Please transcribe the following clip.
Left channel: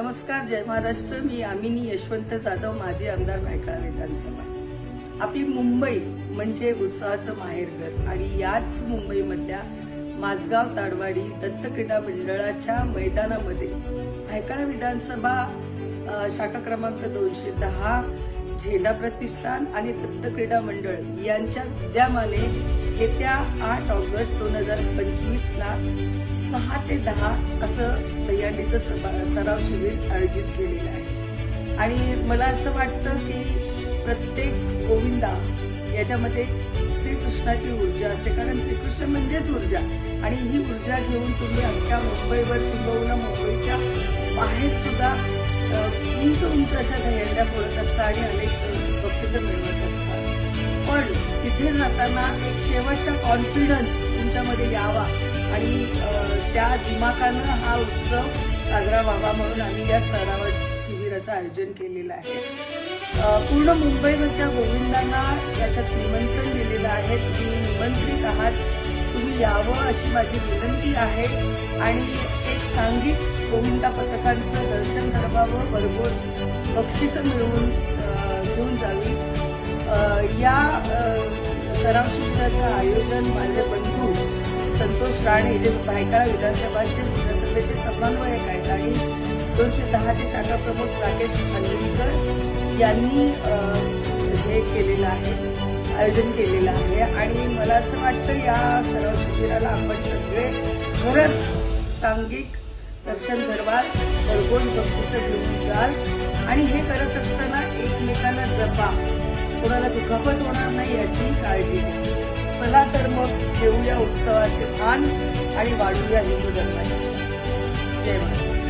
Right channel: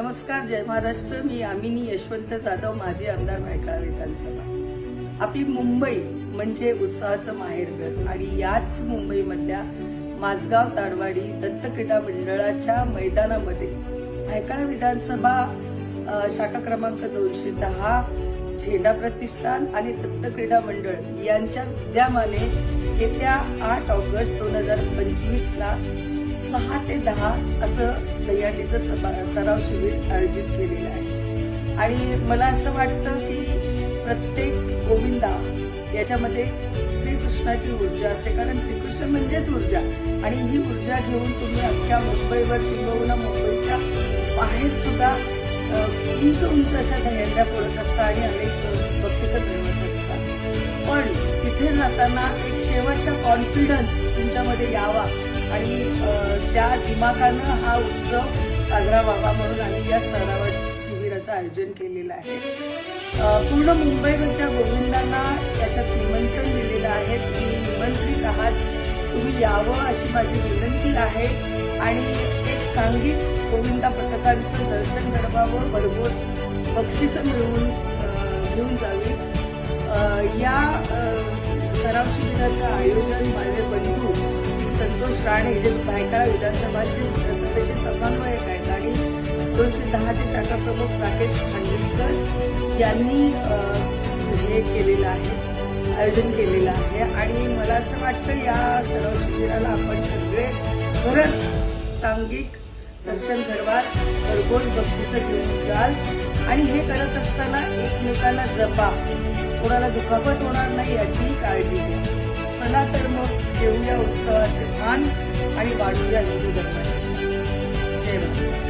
नमस्कार जय महाराष्ट्र. मी आमिनी यशवंत जाधव माजी आमदार भायखळा विधानसभा. आपली मुंबई म्हणजे उत्साहाचं माहेरघर आणि याच मुंबईमधल्या माझगाव ताडवाडी दत्त क्रीडा मंडळाच्या मैदानामध्ये भायखळा विधानसभा शाखा क्रमांक दोनशे दहा झेंडा प्रतिष्ठान आणि दत्त क्रीडा मंडळ यांच्या विद्यमाने येत्या आठ ऑगस्ट दोन हजार पंचवीस ला सहा ते दहा असं दहीहंडीचं सभा- सराव शिबिर आयोजित केलेलं आहे. आणि मला असं वाटतं की प्रत्येक गोविंदा याच्यामध्ये श्रीकृष्णाची ऊर्जा असते. कारण श्रीकृष्ण म्हणजेच ऊर्जा. आणि ही ऊर्जा घेऊन तुम्ही अख्ख्या मुंबईवर किंबहुना मुंबईच्या बाहेर सुद्धा उंच उंच अशा दह्यांड्या बोलत असता आणि अनेक बक्षिसं मिळवत असतात. पण तिथे जाताना एक शेवटचा कॉन्फिडन्स तुमच्यामध्ये यावा आणि त्या दिमाखानं हा उत्सव साजरा व्हावा म्हणून आम्ही या स्तरावर शिबिराचं आयोजन केलेलं आहे. पूर्ण मुंबईवरच्या गोविंदांना याच्यात निमंत्रण दिलेलं आहे. तुम्ही निमंत्रित आहात. तुम्ही यावं अशी माझी विनंती आहे. आणि एक सांघिक गोविंदा पथकांचं दर्शन घडवावं भरघोस बक्षिसं मिळवून घेऊन जावी. या सराव शिबिराचं आयोजन माझे बंधू संतोष राणे जे भायखळा विधानसभाचे सभेचे समन्वयक आहेत आणि दोनशे दहाचे शाखा प्रमुख राकेश खांडवीकर यांनी हे केलेलं आहे आयोजन केलेलं आहे. आणि मला असं वाटतं या सराव शिबिराला आपण सगळे खरंच सांघिक दर्शन घडवाल घरगोज बक्षिसं घेऊन जाल आणि हे करत असताना एकमेकांना जपा. कोणाला दुखापत होणार नाही याचीही काळजी घ्या. मला तर मग घेऊया उत्सवाचे भान आणि वाढूया हिंदू धर्माची जय महाराष्ट्र.